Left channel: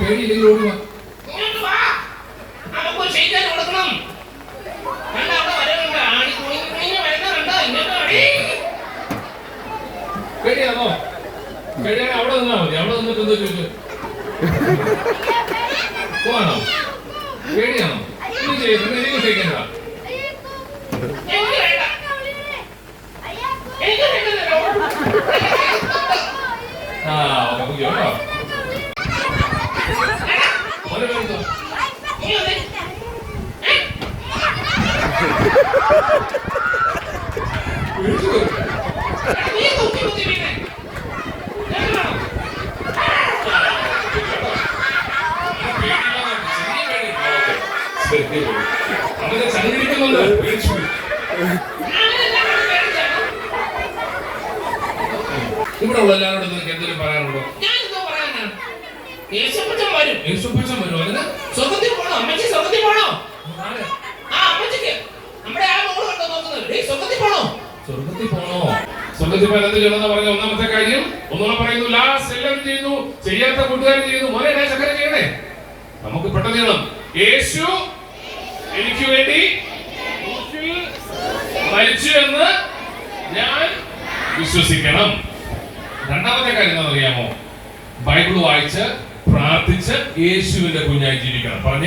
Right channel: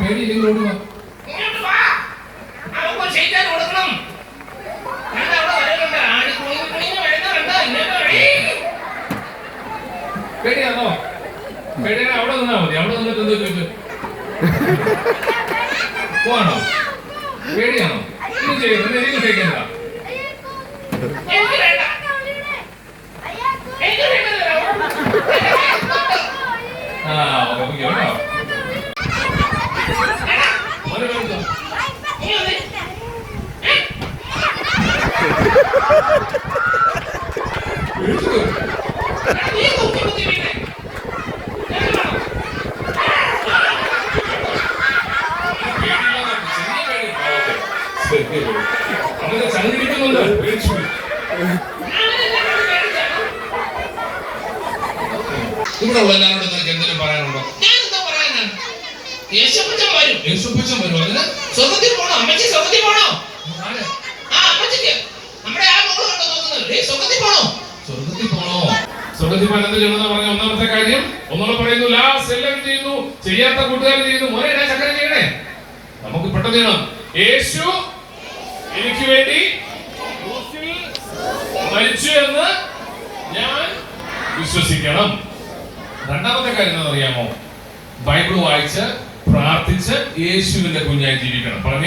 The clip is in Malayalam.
പേടിയില്ലെങ്കിൽ ഓടുക. പേടിയാണോ? പേടിയാ അവിടെ നിന്നാ മതി. അവിടെ നിന്നിട്ട് എന്ത് ചോദിച്ചു പോവാണോ? പേടിയാണോ? ഇത് ചെയ്യുന്നു എനിക്ക് ചെയ്യണ്ട. അവരെ സംഘടിക്കുന്നുണ്ട്. ഇവിടെ ഉള്ള എല്ലാവരോടും നിനക്ക് എന്തെങ്കിലും പറയാനുണ്ടോ? ഞാനെന്താ പറയാനാ? യേശുപ്പച്ചൻ വരും. യേശുപ്പച്ചൻ വരും. അതിന് സ്വർഗത്തിൽ പോണോ? അമ്മച്ചി സ്വർഗത്തിൽ പോണോ? ആ അമ്മച്ചിക്ക് നമ്മുടെ ആ മോള് കണ്ടോ നോക്കുന്നത്? സ്വർഗത്തിൽ പോണോ? സ്വർഗത്തിൽ പോണോ? സ്വർഗത്തിൽ പോയാൽ എന്ത് ചെയ്യണമെന്ന് പറഞ്ഞ ഒന്നാമത്തെ കാര്യം ഒന്നുകൂടെ പറയുന്നു. ലാസ്റ്റ് എല്ലാവരും ചെയ്യുന്നു, ചെയ്യാത്ത കൂട്ടുകാർ ചെയ്യുന്നു. മോനെ ചക്കര ചെയ്യണേ. നമുക്ക് പെട്ടെന്ന് ചെയ്യണം. യേശു എനിക്ക് വേണ്ടി മരിച്ചു എന്ന് ഞാൻ വിശ്വസിക്കണം. രണ്ടാമത്തെ കാര്യം എന്താണെന്ന് അറിയാമോ? ബൈബിൾ വായിച്ച് പ്രാർത്ഥിച്ച് യേശുവിന്റെ കുഞ്ഞായി ജീവിക്കണം. പറഞ്ഞേ.